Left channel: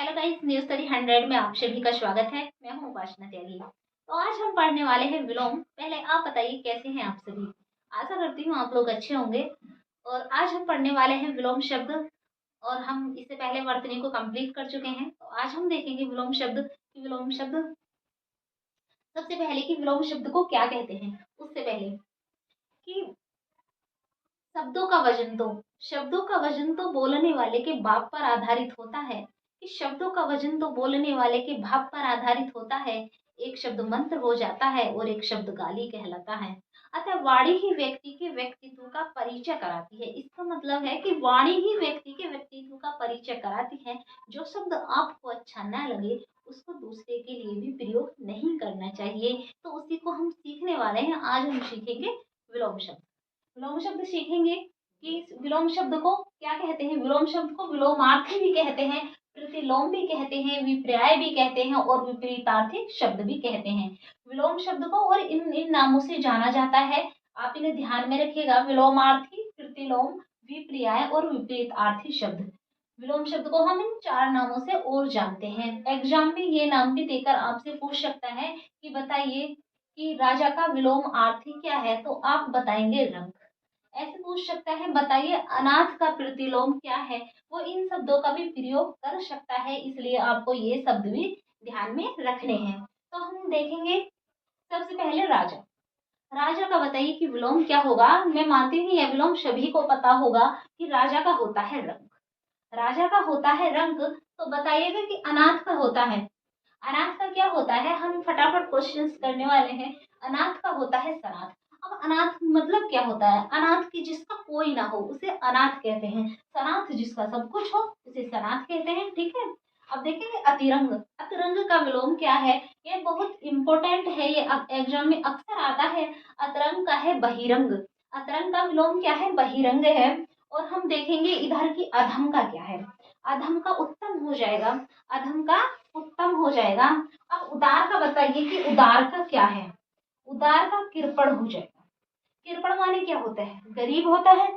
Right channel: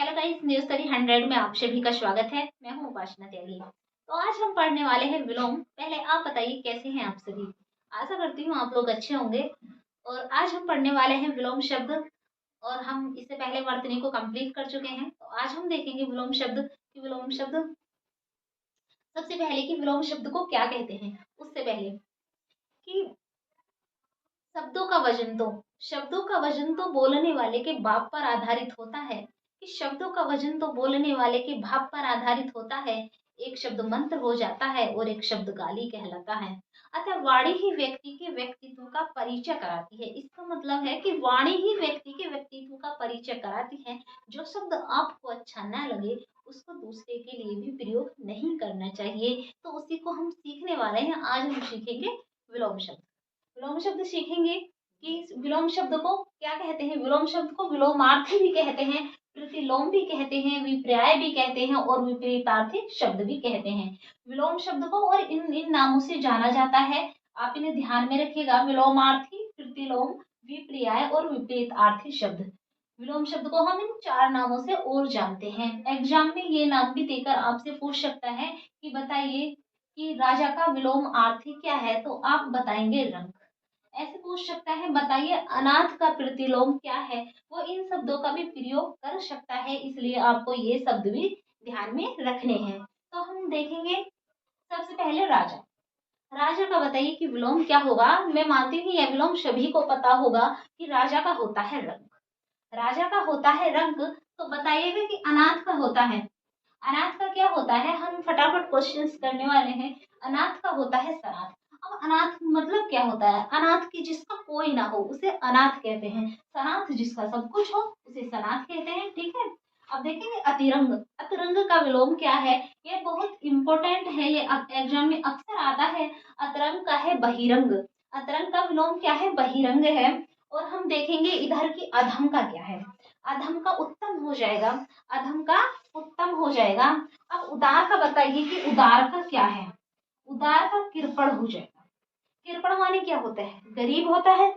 Hello guys, news study 100 में आप सभी का स्वागत है। मैं हूं उपासना त्यागी। तो आज हम पढ़ने वाले हैं विलोम। पहले आप बताइए कैसे हैं आप सभी। आशा करती हूँ आप लोग अच्छे होंगे। और आज हम पढ़ने वाले हैं विलोम शब्द। और हम इससे पहले वर्तनी को कंप्लीट कर चुके हैं। तो आज हम देखेंगे विलोम शब्द कि विलोम शब्द सबसे पहले कि विलोम शब्द को क्या कहते हैं। उससे पहले कि शब्दों का वजन तो बोलने वाले के भाव पर आधारित होता है। कि शब्दों का वजन तो बोलने वाले के भाव पर आधारित होता है। एक शब्द मंत्र हो जाता है और एक शब्द गाली कहलाता है। अतः वाणी ही व्यक्ति के व्यक्तित्व का परिचय कराती है। इसका मतलब है कि वाणी ही व्यक्ति के व्यक्तित्व का परिचय कराती है। जो शब्द आपको अच्छा न लगे उसको दूसरे के लिए भी प्रयोग नहीं करना चाहिए। तो उसी को हम सीखने वाले हैं। आज हम सीखेंगे विलोम शब्द। विलोम शब्द सीखेंगे कि विलोम शब्द को क्या कहते हैं। विलोम शब्द को विलोमार्थी भी कहते हैं, प्रतिलोम भी कहते हैं, विपर्याय भी कहते हैं और विपरीतार्थी शब्द भी कहते हैं। विलोम शब्द को और इन इन नामों से जाना जाता है। आप इन्हें ध्यान में रखिएगा। विलोमार्थी, प्रतिलोम, विपर्याय और विपरीतार्थी शब्द। विलोम शब्द को हम इन 4 नामों से और जानते हैं। एग्जाम में ये नाम भी देकर आपसे पूछ सकता है कि बताइए कि राजा का विलोम आर्थी क्या है। तो आप बताएंगे रंक। ऐसे पूछ सकता है बताइए अनाथ का प्रतिलोम क्या है। वो इन शब्दों का भी प्रयोग कर सकता है, इसलिए आपको ये शब्द भी ध्यान में रखने हैं। तो हम देखेंगे सबसे पहले राजा। राजा का बताइए कि विलोम क्या होगा। मैं मानती हूँ यह विलोम सभी को पता होगा कि राजा का होता है रंक। राजा का होता है रंक। तो बताइएगा कि अनाथ का होता है। अनाथ का क्या होता है। हम फटाफट क्वेश्चंस करने वाले हैं। अनाथ का होता है सनाथ। अब अनाथ मतलब क्या होता है। अनाथ की जिसका कोई ना हो उसे अनाथ कहते हैं। सनाथ जिसका सब कुछ हो उसे सनाथ कहते हैं। ठीक है। अब देखेंगे अतिरंग। अतिरंग का विलोम क्या है। ये बहुत इंपॉर्टेंट है। ये अब एग्जाम में अक्सर आता है। अतरंग का है बहिरंग। अतरंग का विलोम क्या है, बहिरंग है। और हम देखेंगे इधर की अधम का क्या है। अधम का उत्तम हो जाएगा। अधम का उत्तम हो जाएगा। अब उदार का बताइए कि उदार का क्या है। उदार का कृपण हो जाएगा। कृपण माने क्या होता है, गरीब होता है।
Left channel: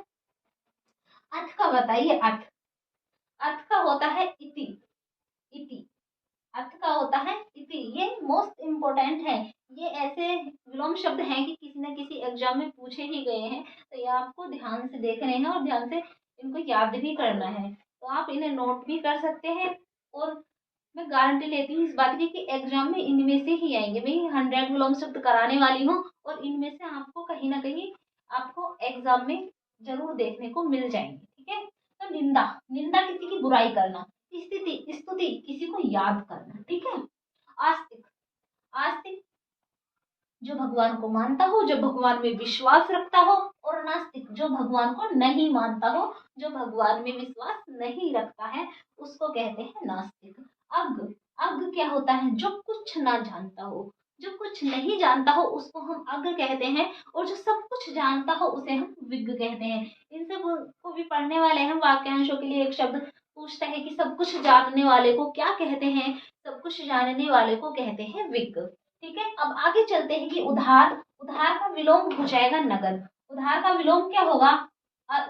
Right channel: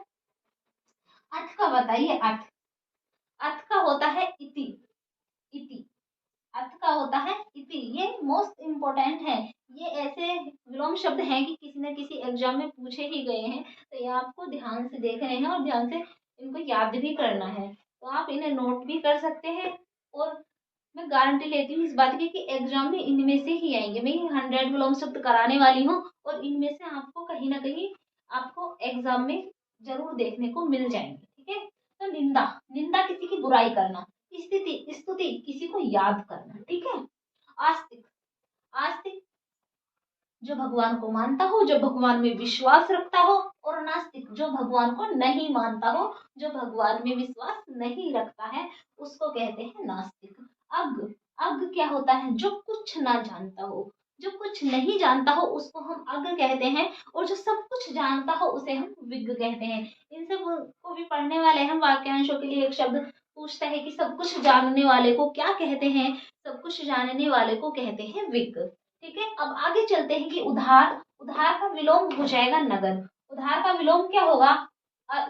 अथ का बताइए। अथ अथ का होता है इति। इति अर्थ का होता है इति। ये मोस्ट इम्पोर्टेंट है। ये ऐसे विलोम शब्द हैं कि किसी न किसी एग्जाम में पूछे ही गए हैं। तो ये आपको ध्यान से देखने हैं और ध्यान से इनको याद भी करना है। तो आप इन्हें नोट भी कर सकते हैं। और मैं गारंटी लेती हूँ इस बात की कि एग्जाम में इनमें से ही आएंगे। मैं 100 विलोम शब्द कराने वाली हूँ और इनमें से आपको कहीं ना कहीं आपको एग्जाम में जरूर देखने को मिल जाएंगे। ठीक है। तो निंदा, निंदा किसी की बुराई करना। स्थिति, स्तुति किसी को याद करना। ठीक है। आस्तिक, आस्तिक जो भगवान को मानता हो, जो भगवान में विश्वास रखता हो। और नास्तिक जो भगवान को नहीं मानता हो, जो भगवान में विश्वास नहीं रखता है, उसको कहते हैं नास्तिक। अज्ञ, अज्ञ क्या होता है, जो कुछ ना जानता हो। जो कुछ नहीं जानता हो उसको हम अज्ञ कहते हैं। और जो सब कुछ जानता हो उसे हम विज्ञ कहते हैं। इन सब को भी पढ़ने वाले हैं। वाक्यांशों के लिए एक शब्द पूछता है कि सब कुछ जानने वाले को क्या कहते हैं। सब कुछ जानने वाले को कहते हैं विज्ञ। ठीक है। अब आगे चलते हैं कि उधार। उधार का विलोम हो जाएगा नगद। उधार का विलोम क्या होगा,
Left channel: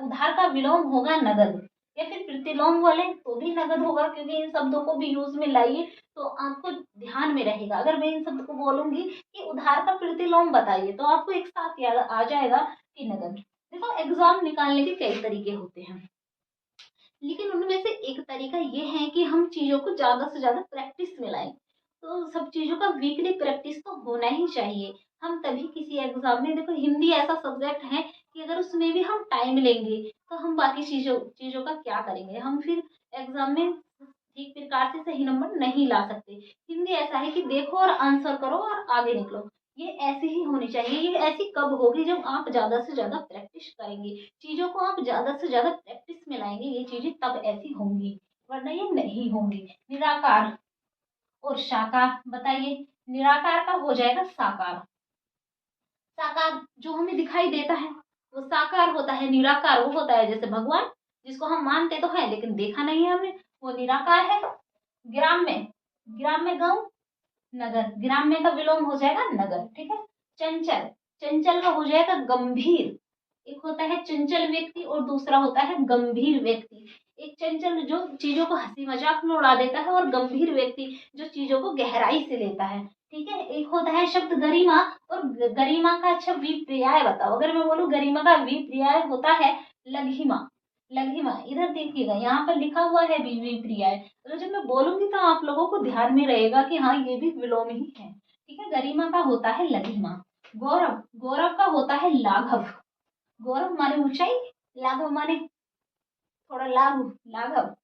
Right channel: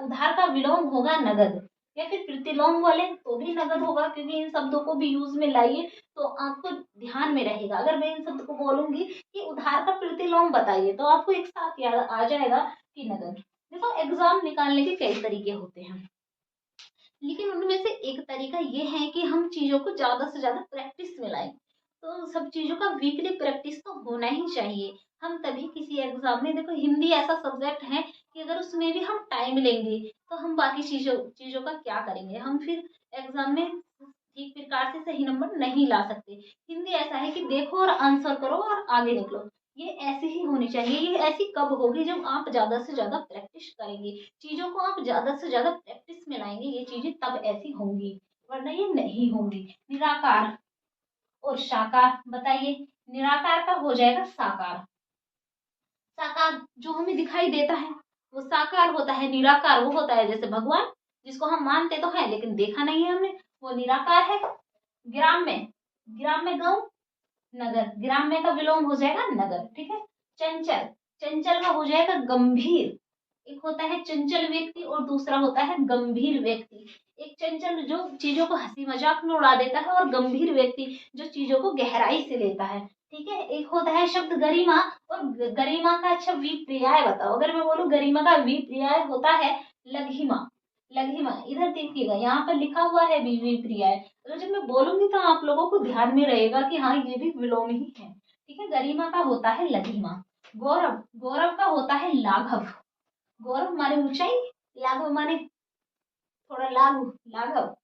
उधार का विलोम होगा नगद। या फिर प्रतिलोम बोले तो भी नगद होगा, क्योंकि इन शब्दों को भी यूज में लाइए तो आपको ध्यान में रहेगा। अगर मैं इन शब्द को बोलूंगी कि उधार का प्रतिलोम बताइए तो आपको एक साथ याद आ जाएगा कि नगद। देखो एग्जाम निकालने के कई तरीके होते हैं, लेकिन उनमें से एक तरीका ये है कि हम चीजों को ज्यादा से ज्यादा प्रैक्टिस में लाएं। तो सब चीजों का वीकली प्रैक्टिस तो होना ही चाहिए। हम तभी किसी एग्जाम में, देखो हिंदी ऐसा सब्जेक्ट है कि अगर उसमें भी हम टाइम लेंगे तो हम बाकी चीजों चीजों का क्या करेंगे। हम फिर एग्जाम में ठीक प्रकार से सही नंबर नहीं ला सकते। हिंदी ऐसा है कि देखो और आंसर करो और आगे निकलो। ये ऐसी ही होनी चाहिए। ये ऐसी कब होगी, जब आप ज्यादा से ज्यादा प्रैक्टिस करेंगे, चीजों को आप ज्यादा से ज्यादा प्रैक्टिस में लाएंगे, ये चीजें तब ऐसी होंगी, वरना ये नहीं होंगी। निराकार और साकार बताइए। निराकार का हो जाएगा साकार। साकार जो हमें दिखाई देता है वो साकार होता है। निराकार वो होता है जैसे भगवान, जिसको हम मानते तो है लेकिन देखा नहीं है हमें, वो निराकार है। ग्राम्य, ग्राम्य गांव, नगर, ग्राम्य का विलोम हो जाएगा नगर। ठीक है। चंचल, चंचल का हो जाएगा गंभीर। एक होता है चंचल व्यक्ति और दूसरा होता है गंभीर व्यक्ति। एक चंचल जो चीजों को हंसी मजाक में उड़ा देता है, और गंभीर व्यक्ति जो चीजों को गहराई से लेता है। ठीक है, एक होता है शब्द गरिमा, और गरिमा का अच्छा विपर्याय बताओ। अगर मैं बोलूं गरिमा का विपर्याय होता है लघिमा। लघिमा, इधर देखिएगा यहाँ पर लिखा हुआ है विपर्याय, तो जब मैं बोलूंगी तो आप लोगों को ध्यान में रहेगा कि हाँ ये भी विलोम ही है। ठीक है, गरिमा का होता है लघिमा। गौरव, गौरव का होता है लाघव। गौरव माने ऊंचाई, लाघव माने थोड़ा लाघव, लाघव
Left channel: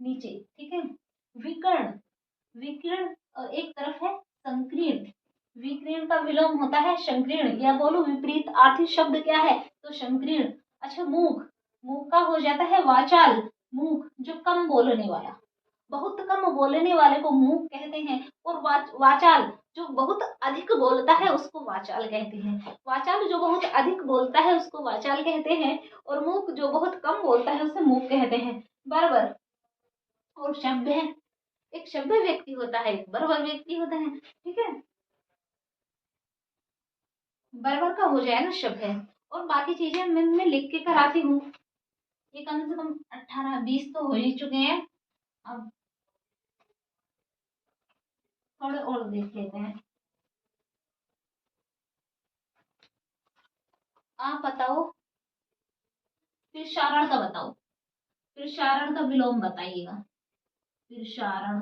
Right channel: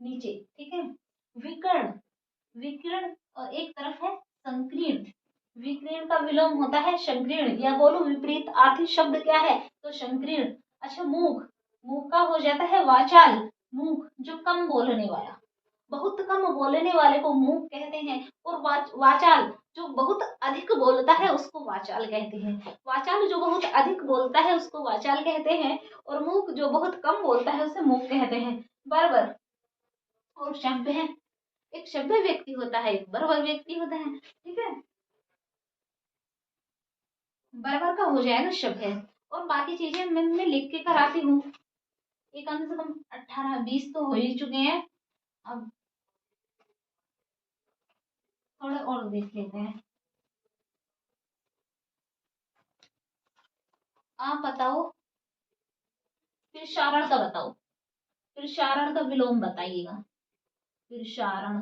नीचे। ठीक है, विकर्ण, विकीर्ण और एक तरफ है संकीर्ण। विकीर्ण का विलोम होता है संकीर्ण, या बोलो विपरीत आर्थिक शब्द क्या है तो संकीर्ण। अच्छा, मूक, मूक का हो जाता है वाचाल। मूक जो कम बोलने वाला, बहुत कम बोलने वाले को मूक कहते हैं। और वाचाल जो बहुत अधिक बोलता है उसको वाचाल कहते हैं। वाचाल जो बहुत अधिक बोलता है उसको वाचाल कहते हैं, और मूक जो बहुत कम बोलता है उसे मूक कहते हैं। बराबर। और शब्द है, एक सभ्य व्यक्ति होता है, एक बर्बर व्यक्ति होता है। ठीक है, बर्बर का हो जाएगा सभ्य। और बाकी चीजें मैं लिख के कराती हूँ। ये कम से कम 18-20 तो हो ही चुके हैं। अब थोड़े और देख लेते हैं। आप बताओ, फिर शारण का बताओ। फिर शारण का विलोम बताइएगा। फिर शारण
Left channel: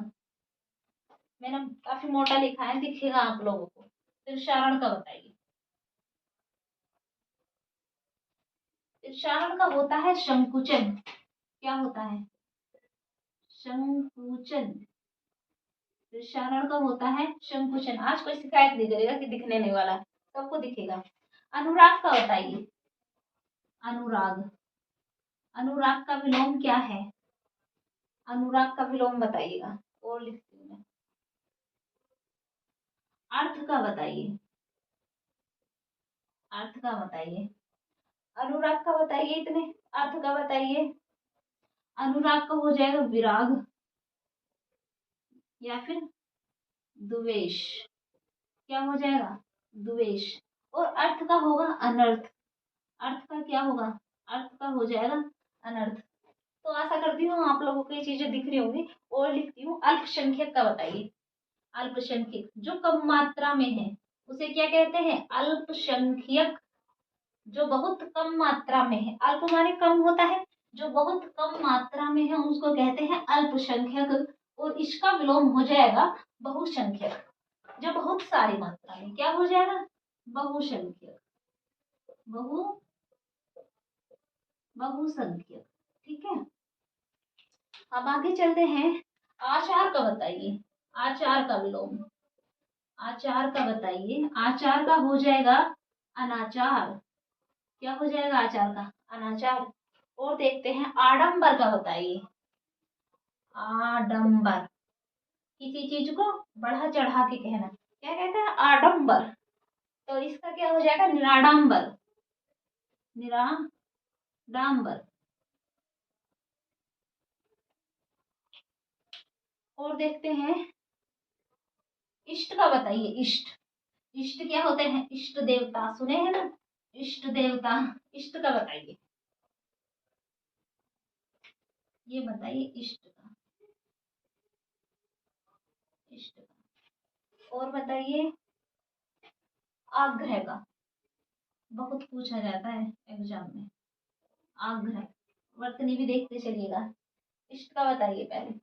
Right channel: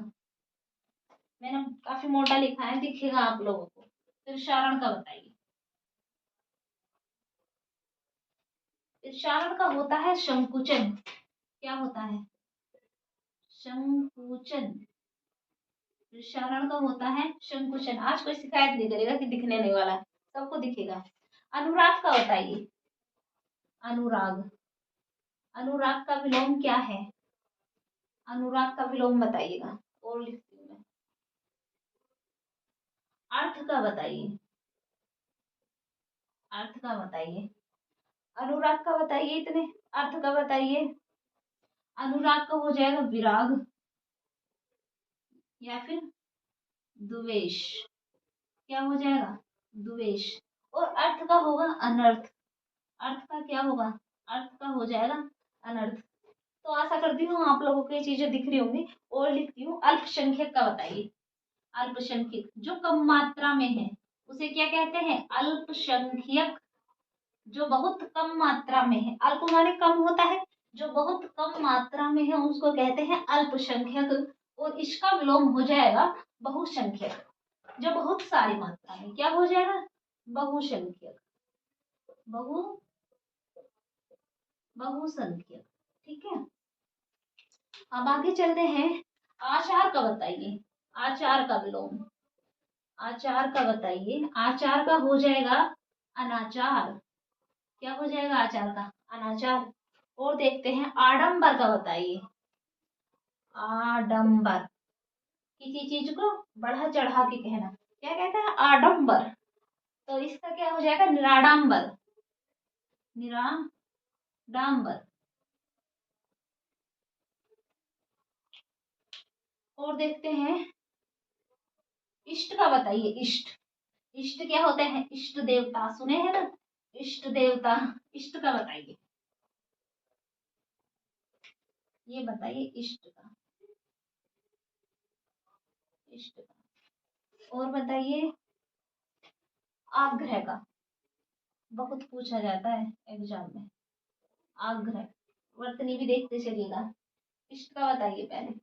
मैंने काफी मोटा लिखा है, दिखेगा आप लोगों को। फिर शारण का बताइए। फिर शारण का होता है संकुचन। क्या होता है? संकुचन। विषारण का होता है संकुचन। आज कोई शिकायत नहीं करेगा कि दिखने नहीं वाला, सबको दिखेगा। अनुराग का बताइए। अनुराग, अनुराग का विलोम क्या है? अनुराग का विलोम बताइएगा, और लिखती हूँ मैं। अर्थ का बताइए। अर्थ का बताइए। अनुराग का बताइए, इतने अर्थ का बताइए। अनुराग का हो जाएगा विराग, या फिर द्वेष। क्या हो जाएगा? द्वेष। और अर्थ का होगा अनर्थ। अर्थ का क्या होगा? अर्थ का हो जाएगा अनर्थ। तो आशा करती हूँ आप लोगों को ये चीजें दिख रही होंगी। और लिखती हूँ अल्पसंख्यक का बताइए। अल्पसंख्यक जो कम मात्रा में है उसे क्या कहते हैं? अल्पसंख्यक। जो बहुत कम मात्रा में है, अल्प माने कम होता है, जो बहुत कम मात्रा में है उसको कहते हैं अल्पसंख्यक। और इसका विलोम हो जाएगा बहुसंख्यक। जो बहुत सारी मात्रा में, क्या हो जाएगा? बहुसंख्यक। बहु बहुसंख्यक। ठीक है, अब आगे चलते हैं। आचार का बताइए। आचार का विलोम। आचार का बताइए। आचार का हो जाएगा अनाचार। क्या हो जाएगा आचार का? अनाचार। और देखते हैं आडंबर का बताइए। आडंबर, किसी चीज को बढ़ा चढ़ा के कहना, क्या कहते हैं? आडंबर। तो इसका क्या हो जाएगा? निराडंबर। निराडंबर। और देखते हैं इष्ट का बताइए। इष्ट, इष्ट क्या होते हैं? इष्ट देवता सुने हैं ना, इष्ट देवता। इष्ट का बताइए। ये बताइए इष्ट का। इष्ट का। और बताइए आग्रह का। बहुत पूछा जाता है एग्जाम में। आग्रह, वर्तनी भी देखते चलिएगा। इष्ट का बताइए पहले।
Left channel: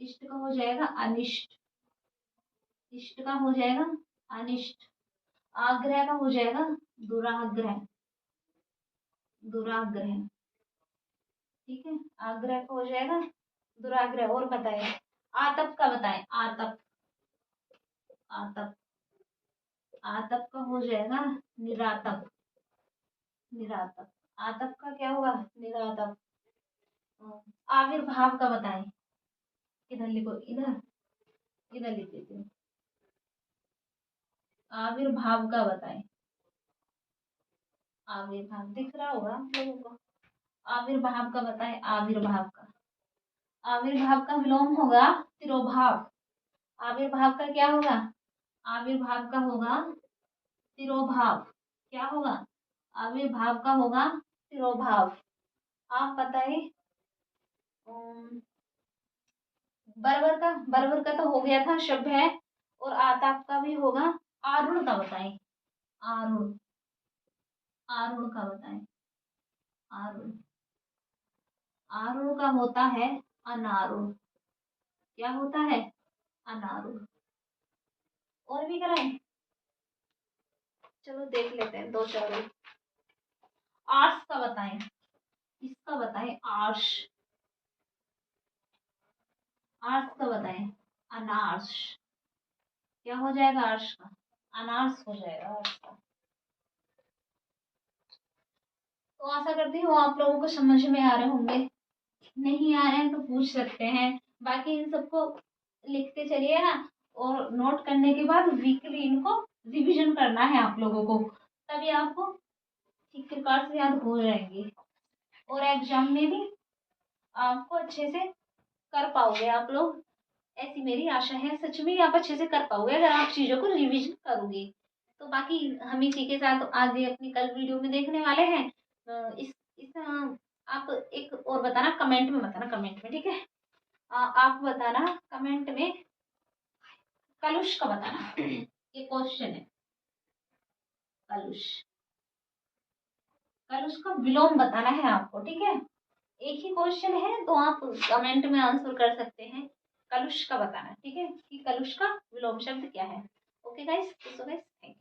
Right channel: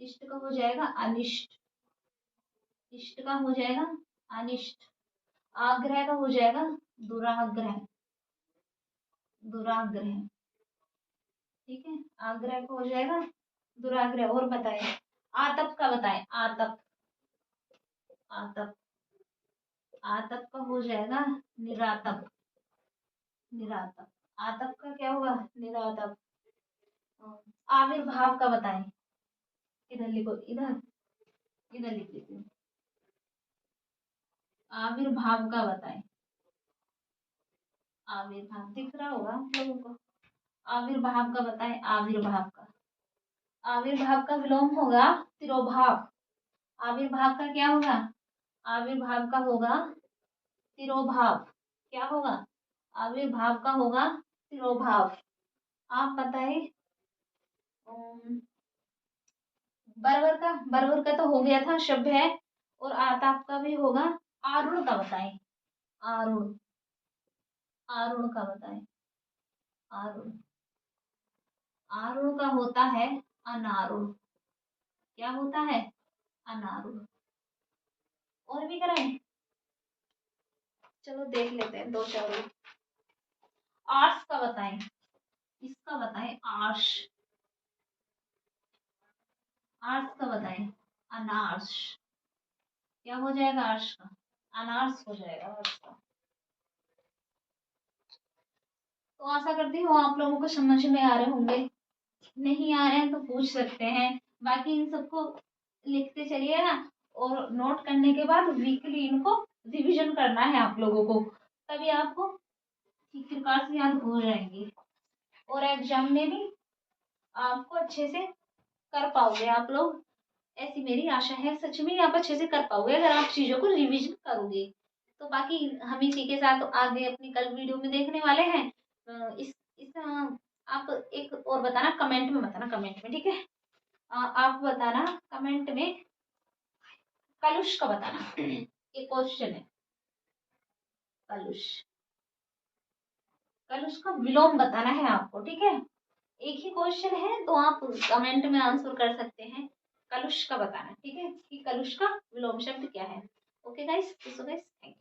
इष्ट का हो जाएगा अनिष्ट। इष्ट का हो जाएगा अनिष्ट। आग्रह का हो जाएगा दुराग्रह। दुराग्रह। ठीक है, आग्रह का हो जाएगा दुराग्रह। और बताए आतप का बताएं। आतप। आतप। आतप का हो जाएगा निरातप। निरातप। आतप का क्या होगा? निरातप। आविर्भाव का बताएं। इधर लिखो, इधर, इधर लिख लेती हूँ। आविर्भाव का बताएं। आविर्भाव दिख रहा होगा आप लोगों को। आविर्भाव का बताएं। आविर्भाव का, आविर्भाव का विलोम होगा तिरोभाव। आविर्भाव का क्या होगा? आविर्भाव का होगा तिरोभाव। क्या होगा? आविर्भाव का होगा तिरोभाव। आप बताइए बरबर का तो हो गया था, शब्द है। और आताप का भी होगा। आरुण का बताएं। आरुण। आरुण का बताएं। आरुण। आरुण का होता है अनारुण। क्या होता है? अनारुण। और भी कराएं? चलो देख लेते हैं दो चार और। आर्ष का बताएं। इसका बताएं आर्ष। आर्ष का बताएं। अनार्ष। क्या हो जाएगा आर्ष का? अनार्स हो जाएगा आर्ष का। तो आशा करती हूँ आप लोगों को समझ में आ रहे होंगे। नहीं आ रहे हैं तो पूछ सकते हैं। बाकी इन सबको लिखते चलिए ना, और नोट करने के बाद वीकली इनको रिवीजन करना है आप लोगों को, तभी आपको ठीक प्रकार से याद हो जाएंगे। और एग्जाम में भी आपको अच्छे से कर पाओगे आप लोग, ऐसी मेरी आशा है। सच में आप अच्छे से कर पाओगे अगर आप चीज़ों को रिवीजन करोगे। तो बाकी हम इसी के साथ आगे अपनी कल वीडियो में देखने वाले हैं। इस आप एक और बताना, कमेंट में बताना, कमेंट में, ठीक है। आप बताना कमेंट में कलुष का बताना। ये क्वेश्चन है। कलुष। कलुष का विलोम बताना है आपको, ठीक है। एक ही क्वेश्चन है तो आप कमेंट में आंसर कर सकते हैं। कलुष का बताना, ठीक है, कि कलुष का विलोम शब्द क्या है। Okay guys, so guys, thank you.